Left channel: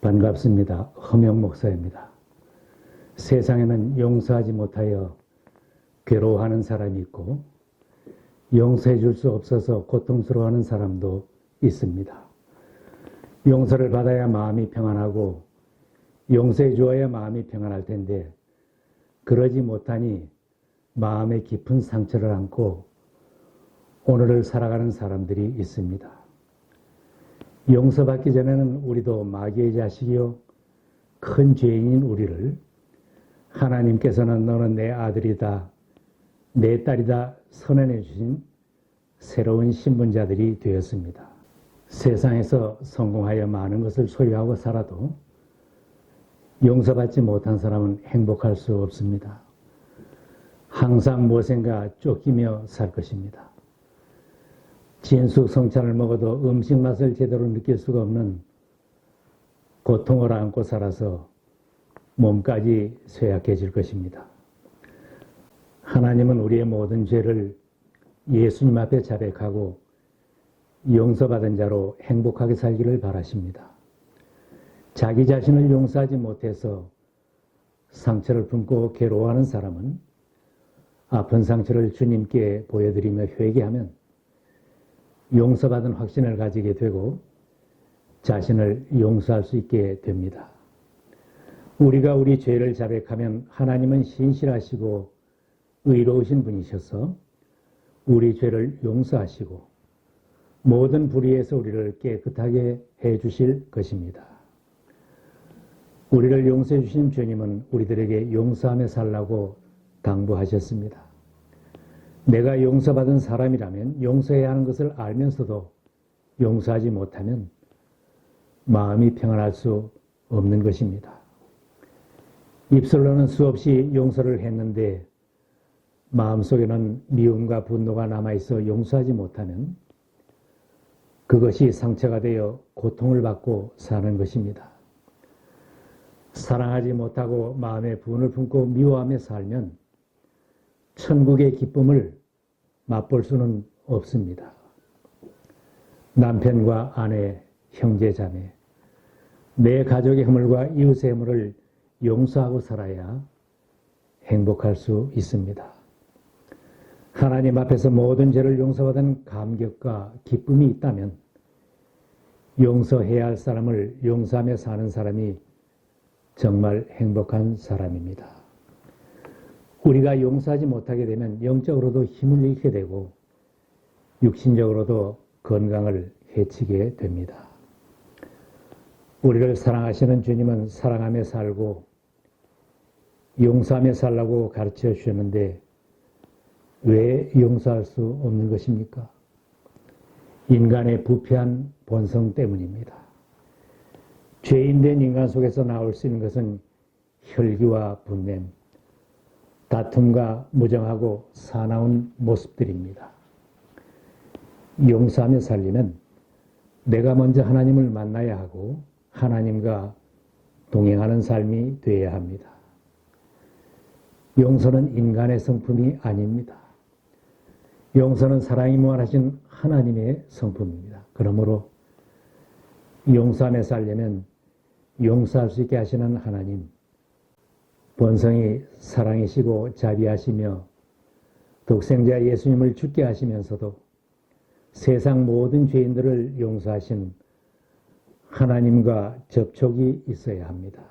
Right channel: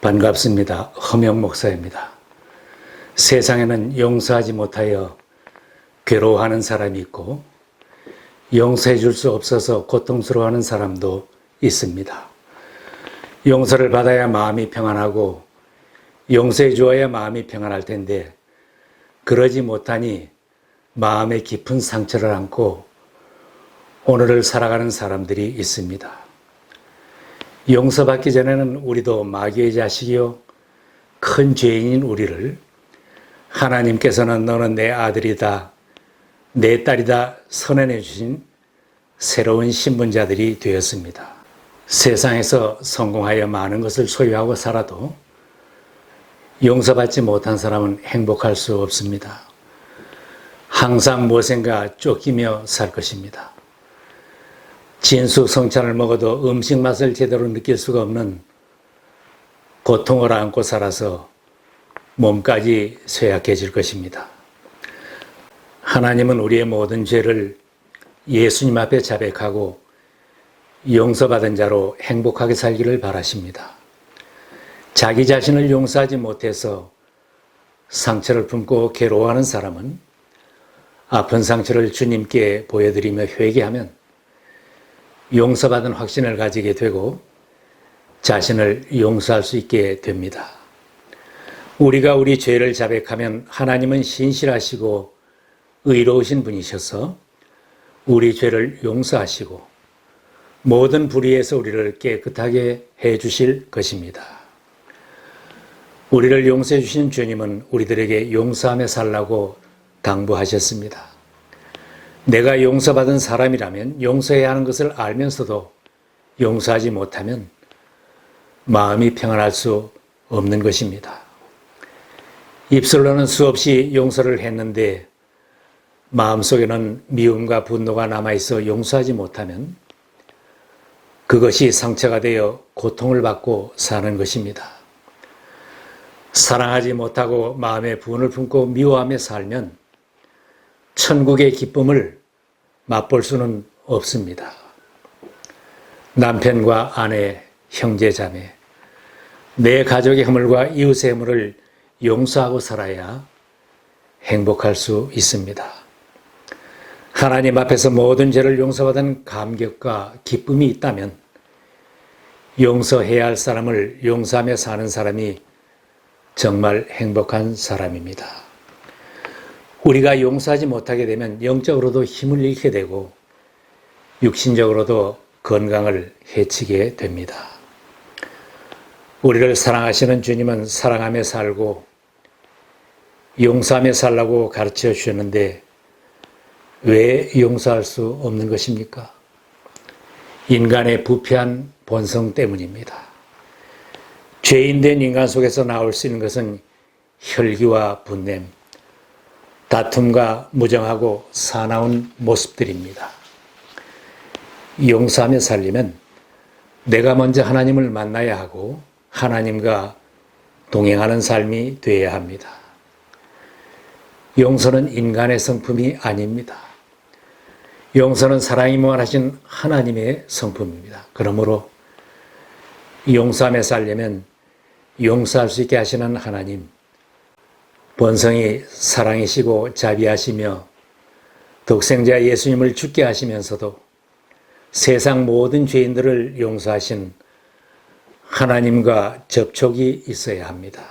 반갑습니다. 허명 목사입니다. 세상에는 용서하지 못하여 괴로워하는 사람이 있고 용서해 줄 수 없어서 고통스러워하는 사람도 있습니다. 용서를 받아야 마음이 평안하고 용서해 주어야 마음이 평안할 텐데 그러지 못하니 마음에 깊은 상처를 안고 오늘을 살아가는 사람들이 있습니다. 용서받기 전에는 우리도 마귀의 자식이요 큰 죄인인 우리를 하나님께서는 너는 내 아들이다, 내 딸이다 선언해 주신 새로운 신분자들이 되었습니다. 세상에서 성공하여 많은 것을 소유하고 살아도 용서받지 못한 사람은 행복할 수 없습니다. 항상 무엇인가 쫓기며 살 것입니다. 진수성찬을 먹어도 음식 맛을 제대로 느낄 수가 없는 고통을 안고 살아서 몸까지 쇠약해질 것입니다. 하나님은 우리의 모든 죄를 예수님 앞에 자백하고 용서받은 자로 행복하게 살기를 바라십니다. 자기 자신을 용서하지 못해서 상처를 품고 괴로워하는 사람은 아픈 상처를 주님께 보여드리며 회개하면 용서받은 확신을 가지게 되고 자신을 용서할 수 있게 됩니다. 우리가 우리 죄를 자백하면 하나님은 신실하시고 의로우신 분이셔서 우리 죄를 용서하시고 모든 불의에서 우리를 깨끗하게 해 주실 것입니다. 우리를 용서해 주신 주님은 우리들에게 용서하며 살라고 당부하셨습니다. 내가 용서받은 사람이라면 용서해야 하는 것을 알면서도 용서하지 못하면 마음이 평안할 수 없는 것입니다. 입술로는 수없이 용서를 했는데 마음속에는 미움과 분노가 남아있어 용서하지 못하면 그것이 상처가 되어 고통을 받고 사는 것입니다. 사랑하지 못하고 마음에 분을 품고 미워하며 살면 천국의 기쁨을 맛볼 수는 없습니다. 남편과 아내, 형제, 자매, 내 가족의 허물과 이웃의 허물을 용서하고 살아야 행복할 수 있습니다. 하나님 앞에서 모든 죄를 용서받은 감격과 기쁨이 있다면 용서해야 할 사람을 용서하며 사는 사람이 정말 행복한 사람입니다. 우리가 용서하지 못하게 되면 영적으로도 힘을 잃게 되고 육신적으로도 건강을 해치게 됩니다. 우리를 사랑하시는 주님은 사랑하며 살고 용서하며 살라고 가르쳐 주셨는데 왜 용서할 수 없는 것입니까? 인간의 부패한 본성 때문입니다. 죄인된 인간 속에서 나올 수 있는 것은 혈기와 분냄, 다툼과 무정하고 사나운 모습들입니다. 용서하며 살려면 내가 먼저 하나님을 만나야 하고 하나님과 동행하는 삶이 되어야 합니다. 용서는 인간의 성품이 아닙니다. 용서는 사랑이 무한하신 하나님의 성품입니다. 그러므로 용서하며 살려면 용서할 수 있게 하시는 하나님, 본성이 사랑이시고 자비하시며 독생자 예수님을 죽게 하시면서도 세상 모든 죄인들을 용서하신 하나님과 접촉이 있어야 합니다.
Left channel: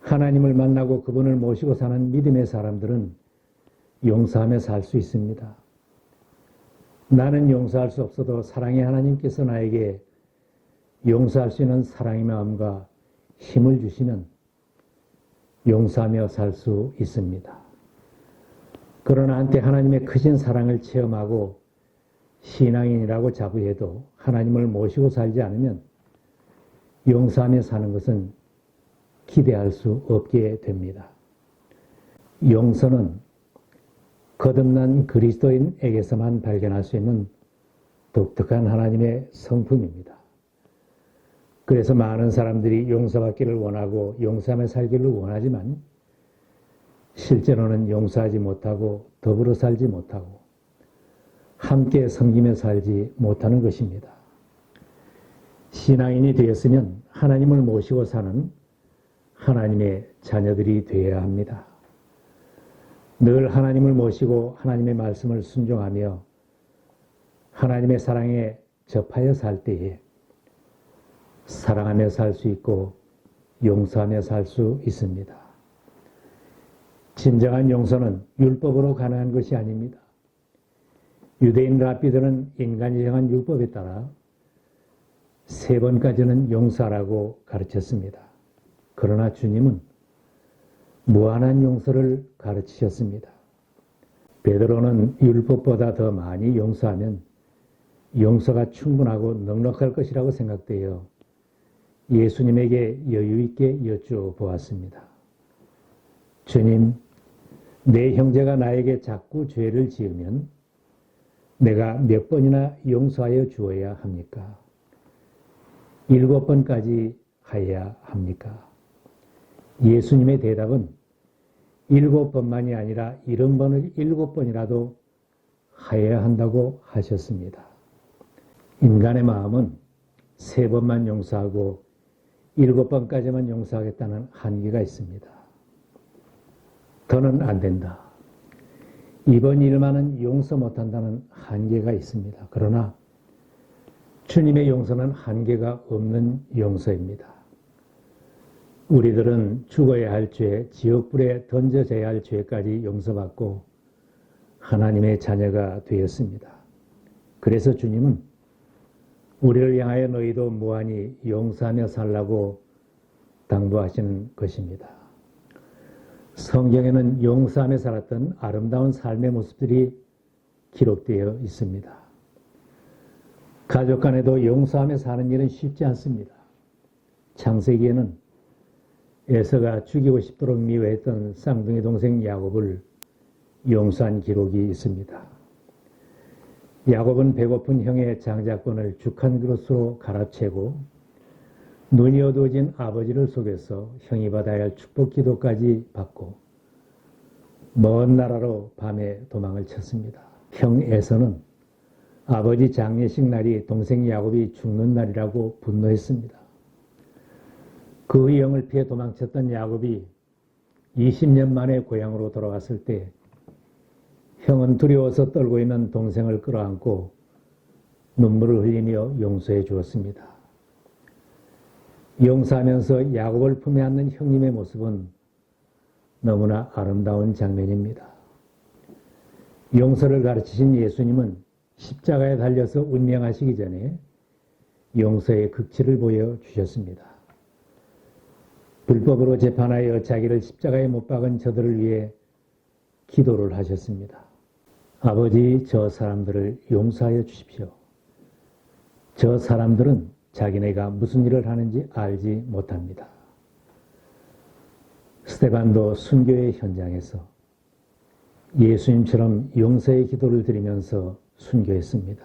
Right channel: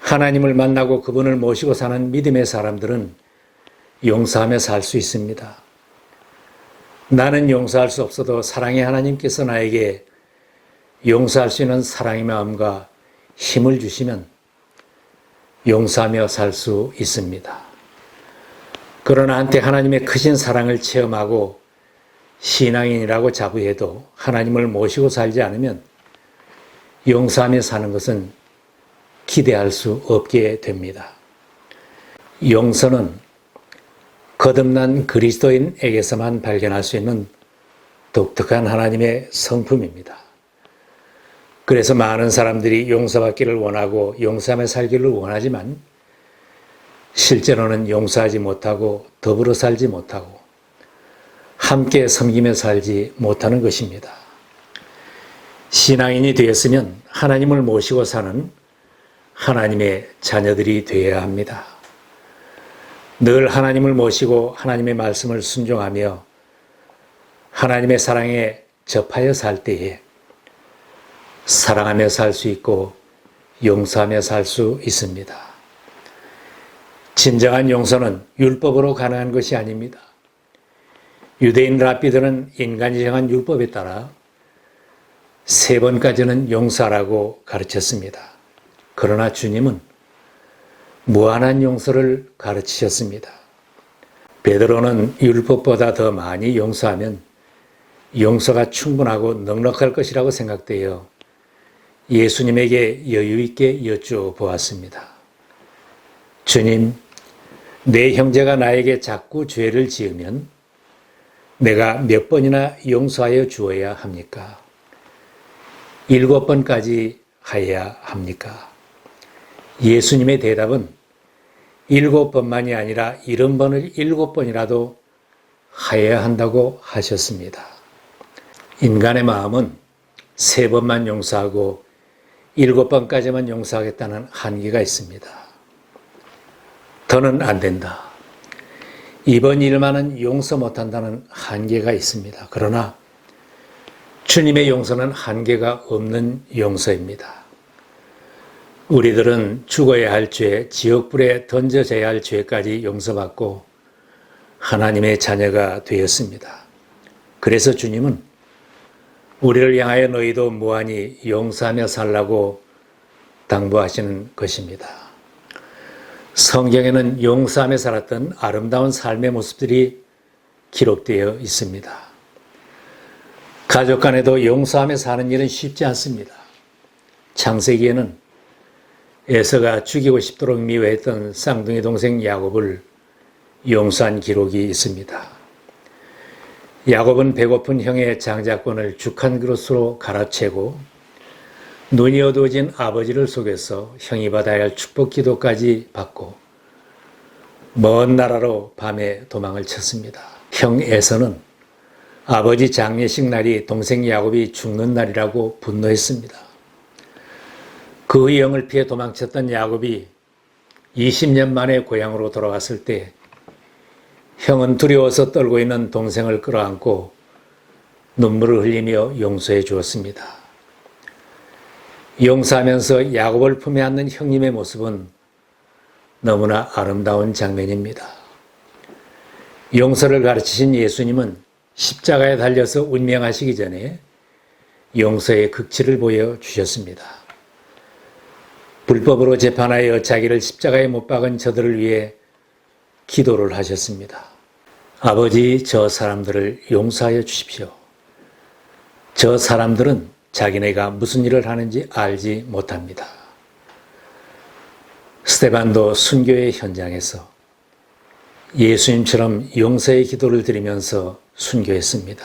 하나님을 만나고 그분을 모시고 사는 믿음의 사람들은 용서하며 살 수 있습니다. 나는 용서할 수 없어도 사랑의 하나님께서 나에게 용서할 수 있는 사랑의 마음과 힘을 주시면 용서하며 살 수 있습니다. 그러나 한때 하나님의 크신 사랑을 체험하고 신앙인이라고 자부해도 하나님을 모시고 살지 않으면 용서하며 사는 것은 기대할 수 없게 됩니다. 용서는 거듭난 그리스도인에게서만 발견할 수 있는 독특한 하나님의 성품입니다. 그래서 많은 사람들이 용서받기를 원하고 용서하며 살기를 원하지만 실제로는 용서하지 못하고 더불어 살지 못하고 함께 섬기며 살지 못하는 것입니다. 신앙인이 되었으면 하나님을 모시고 사는 하나님의 자녀들이 되어야 합니다. 늘 하나님을 모시고 하나님의 말씀을 순종하며 하나님의 사랑에 접하여 살 때에 사랑하며 살 수 있고 용서하며 살 수 있습니다. 진정한 용서는 율법으로 가능한 것이 아닙니다. 유대인 랍비들은 인간이 정한 율법에 따라 3번까지는 용서하라고 가르쳤습니다. 그러나 주님은 무한한 용서를 가르치셨습니다. 베드로는 율법보다 더 많이 용서하면 용서가 충분하고 넉넉할 것이라고 생각되어 예수님에게 여유 있게 여쭈어보았습니다. 주님, 내 형제가 나에게 자꾸 죄를 지으면 내가 몇 번이나 용서하여 주어야 합니까? 7번까지 하여야 합니까? 예수님의 대답은 7번만이 아니라 70번을 7번이라도 하여야 한다고 하셨습니다. 인간의 마음은 3번만 용서하고 7번까지만 용서하겠다는 한계가 있습니다. 더는 안 된다. 이번 일만은 용서 못한다는 한계가 있습니다. 그러나 주님의 용서는 한계가 없는 용서입니다. 우리들은 죽어야 할 죄, 지옥불에 던져져야 할 죄까지 용서받고 하나님의 자녀가 되었습니다. 그래서 주님은 우리를 향하여 너희도 무한히 용서하며 살라고 당부하시는 것입니다. 성경에는 용서하며 살았던 아름다운 삶의 모습들이 기록되어 있습니다. 가족 간에도 용서하며 사는 일은 쉽지 않습니다. 창세기에는 에서가 죽이고 싶도록 미워했던 쌍둥이 동생 야곱을 용서한 기록이 있습니다. 야곱은 배고픈 형의 장자권을 죽 한 그릇으로 갈아채고 눈이 어두워진 아버지를 속여서 형이 받아야 할 축복 기도까지 받고 먼 나라로 밤에 도망을 쳤습니다. 형 에서는 아버지 장례식 날이 동생 야곱이 죽는 날이라고 분노했습니다. 그 영을 피해 도망쳤던 야곱이 20년 만에 고향으로 돌아왔을 때 형은 두려워서 떨고 있는 동생을 끌어안고 눈물을 흘리며 용서해 주었습니다. 용서하면서 야곱을 품에 안는 형님의 모습은 너무나 아름다운 장면입니다. 용서를 가르치신 예수님은 십자가에 달려서 운명하시기 전에 용서의 극치를 보여주셨습니다. 불법으로 재판하여 자기를 십자가에 못 박은 저들을 위해 기도를 하셨습니다. 아버지, 저 사람들을 용서하여 주십시오. 저 사람들은 자기네가 무슨 일을 하는지 알지 못합니다. 스데반도 순교의 현장에서 예수님처럼 용서의 기도를 드리면서 순교했습니다.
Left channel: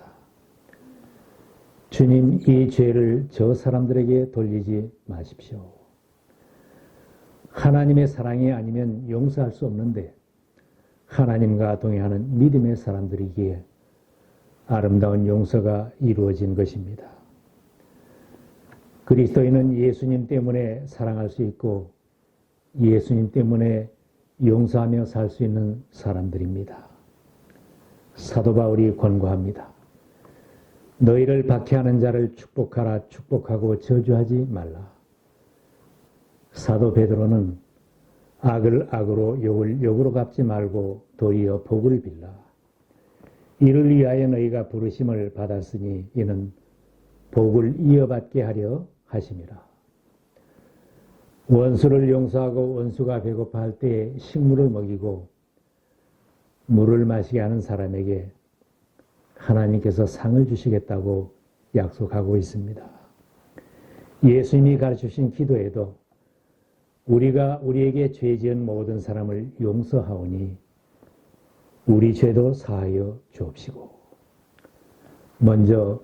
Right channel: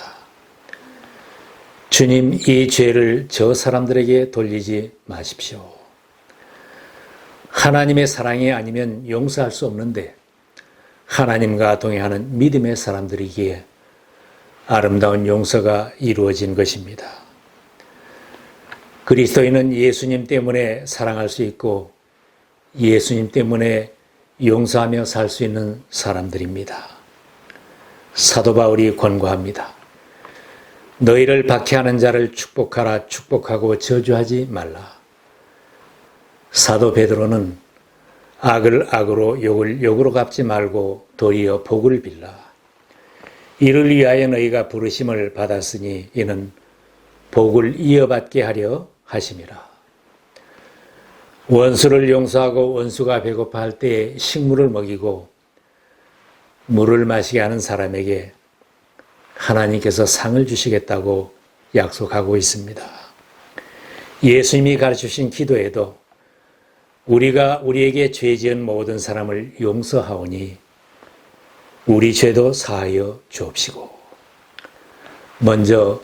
주님, 이 죄를 저 사람들에게 돌리지 마십시오. 하나님의 사랑이 아니면 용서할 수 없는데 하나님과 동행하는 믿음의 사람들이기에 아름다운 용서가 이루어진 것입니다. 그리스도인은 예수님 때문에 사랑할 수 있고 예수님 때문에 용서하며 살 수 있는 사람들입니다. 사도 바울이 권고합니다. 너희를 박해하는 자를 축복하라, 축복하고 저주하지 말라. 사도 베드로는 악을 악으로 욕을 욕으로 갚지 말고 도리어 복을 빌라. 이를 위하여 너희가 부르심을 받았으니 이는 복을 이어받게 하려 하심이라. 원수를 용서하고 원수가 배고파할 때에 식물을 먹이고 물을 마시게 하는 사람에게 하나님께서 상을 주시겠다고 약속하고 있습니다. 예수님이 가르치신 기도에도 우리가 우리에게 죄 지은 모든 사람을 용서하오니 우리 죄도 사하여 주옵시고 먼저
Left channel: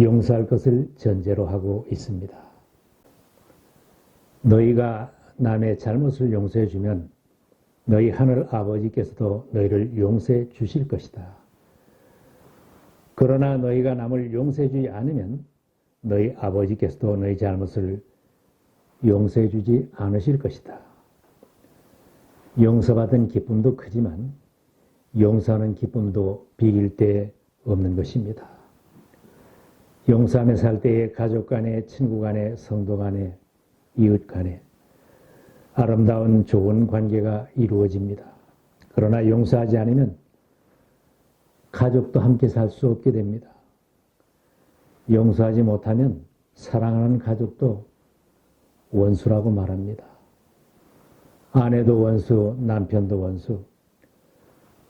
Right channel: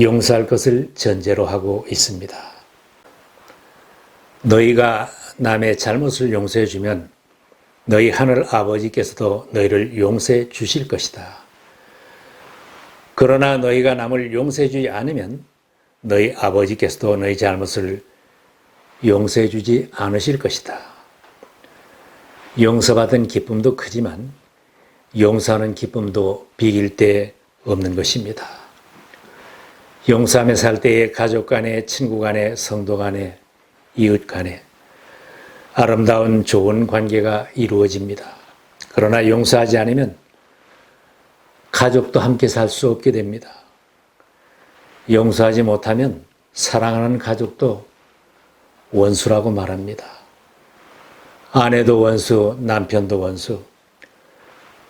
용서할 것을 전제로 하고 있습니다. 너희가 남의 잘못을 용서해 주면 너희 하늘 아버지께서도 너희를 용서해 주실 것이다. 그러나 너희가 남을 용서해 주지 않으면 너희 아버지께서도 너희 잘못을 용서해 주지 않으실 것이다. 용서받은 기쁨도 크지만 용서하는 기쁨도 비길 데 없는 것입니다. 용서하며 살 때에 가족 간에, 친구 간에, 성도 간에, 이웃 간에 아름다운 좋은 관계가 이루어집니다. 그러나 용서하지 않으면 가족도 함께 살 수 없게 됩니다. 용서하지 못하면 사랑하는 가족도 원수라고 말합니다. 아내도 원수, 남편도 원수,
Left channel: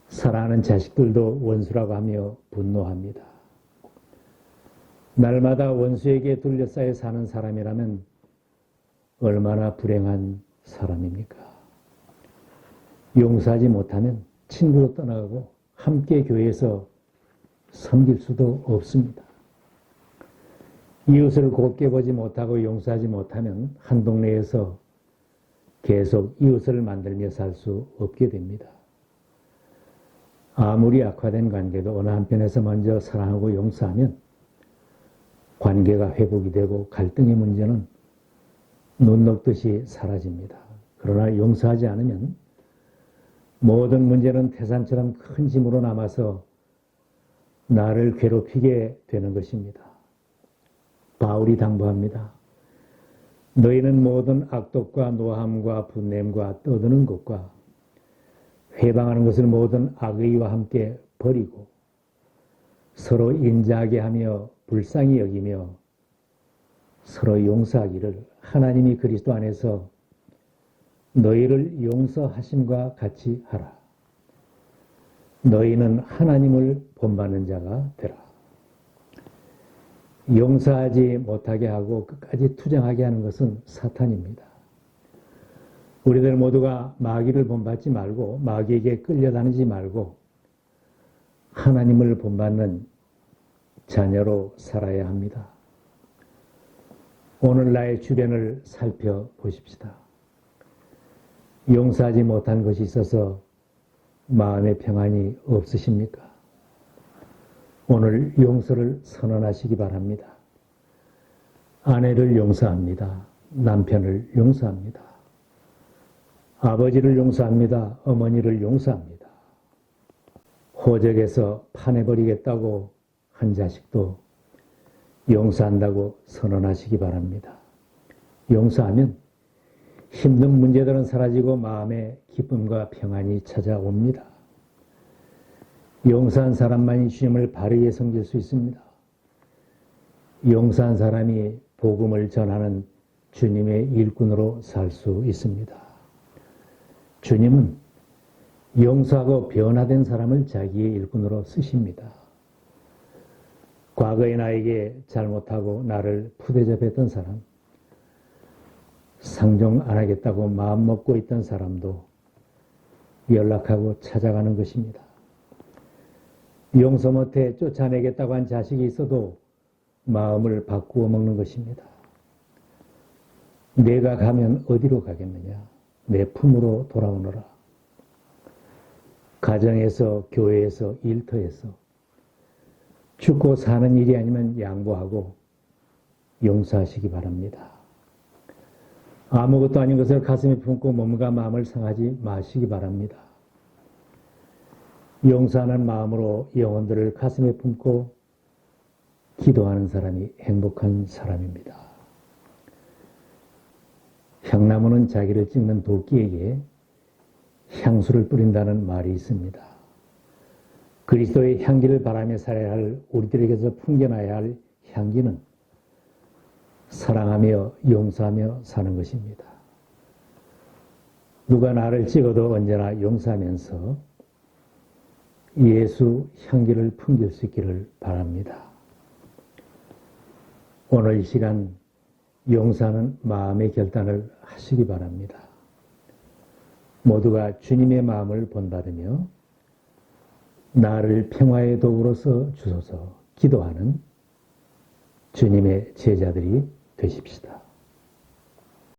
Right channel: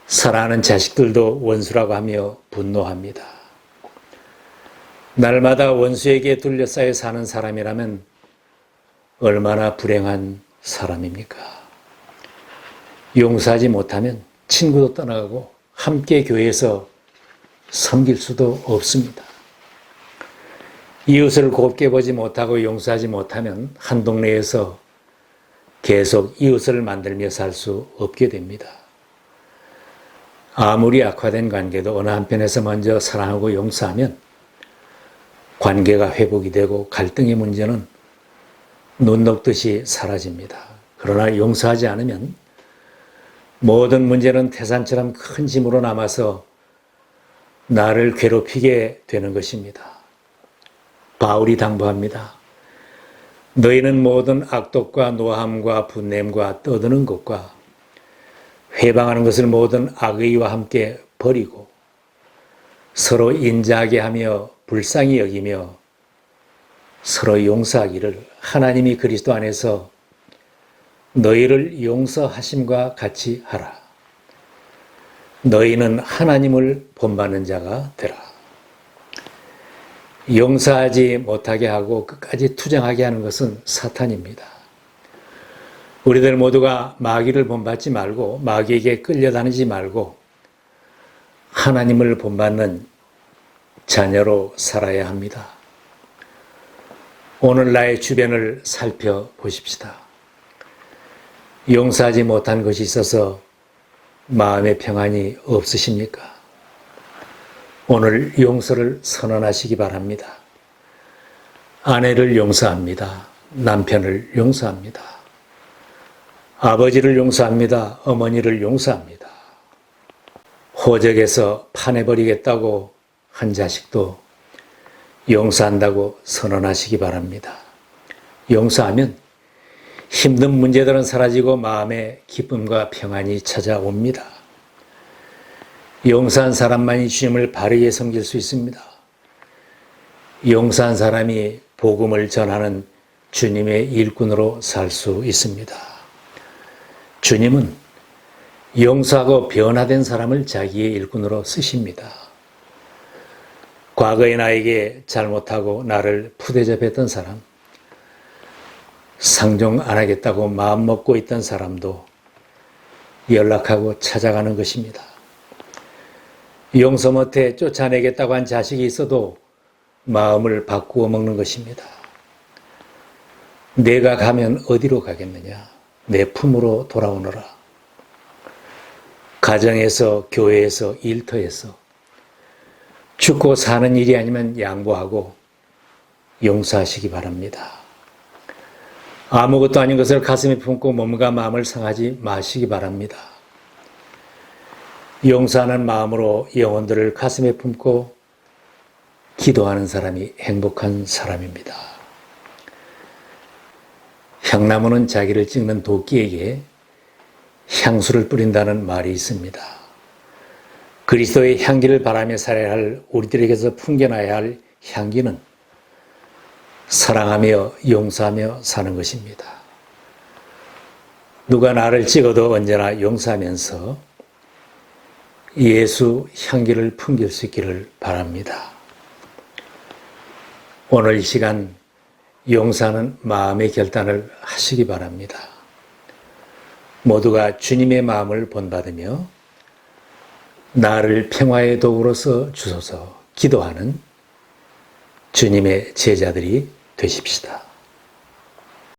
사랑하는 자식들도 원수라고 하며 분노합니다. 날마다 원수에게 둘러싸여 사는 사람이라면 얼마나 불행한 사람입니까? 용서하지 못하면 친구도 떠나가고 함께 교회에서 섬길 수도 없습니다. 이웃을 곱게 보지 못하고 용서하지 못하면 한 동네에서 계속 이웃을 만들며 살 수 없게 됩니다. 아무리 악화된 관계도 어느 한편에서 먼저 사랑하고 용서하면 관계가 회복이 되고 갈등의 문제는 눈 녹듯이 사라집니다. 그러나 용서하지 않으면 모든 문제는 태산처럼 큰 짐으로 남아서 나를 괴롭히게 되는 것입니다. 바울이 당부합니다. 너희는 모든 악독과 노함과 분냄과 떠드는 것과 회방하는 것을 모든 악의와 함께 버리고 서로 인자하게 하며 불쌍히 여기며 서로 용서하기를 하나님이 그리스도 안에서 너희를 용서하심과 같이 하라. 너희는 하나님을 본받는 자가 되라. 용서하지 못하게 하고 끝까지 투정하게 하는 것은 사탄입니다. 우리들 모두가 마귀를 본받지 말고 마귀에게 끌려다니지 말고 하나님을 본받는 자녀로 살아야 합니다. 오늘 나의 주변을 살펴보십시다. 용서하지 못한 것이 있어서 마음의 평안이 없으십니까? 오늘 용서를 선언하시기 바랍니다. 아내를 용서합니다. 남편을 용서합니다. 아버지를 용서합니다. 어머니를 용서합니다. 호적에서 파내버리겠다고 한 자식도 용서한다고 선언하시기 바랍니다. 용서하면 힘든 문제들은 사라지고 마음의 기쁨과 평안이 찾아옵니다. 용서한 사람만이 주님을 바르게 섬길 수 있습니다. 용서한 사람이 복음을 전하는 주님의 일꾼으로 살 수 있습니다. 주님은 용서하고 변화된 사람을 자기의 일꾼으로 쓰십니다. 과거에 나에게 잘못하고 나를 푸대접했던 사람, 상종 안 하겠다고 마음먹고 있던 사람도 연락하고 찾아가는 것입니다. 용서 못해 쫓아내겠다고 한 자식이 있어도 마음을 바꾸어 먹는 것입니다. 내가 가면 어디로 가겠느냐? 내 품으로 돌아오너라. 가정에서, 교회에서, 일터에서 죽고 사는 일이 아니면 양보하고 용서하시기 바랍니다. 아무것도 아닌 것을 가슴에 품고 몸과 마음을 상하지 마시기 바랍니다. 용서하는 마음으로 영혼들을 가슴에 품고 기도하는 사람이 행복한 사람입니다. 향나무는 자기를 찍는 도끼에게 향수를 뿌린다는 말이 있습니다. 그리스도의 향기를 바라며 살아야 할 우리들에게서 풍겨나야 할 향기는 사랑하며 용서하며 사는 것입니다. 누가 나를 찍어도 언제나 용서하면서 예수 향기를 풍길 수 있기를 바랍니다. 오늘 이 시간 용서하는 마음의 결단을 하시기 바랍니다. 모두가 주님의 마음을 본받으며 나를 평화의 도구로서 주소서 기도하는 주님의 제자들이 되십시다.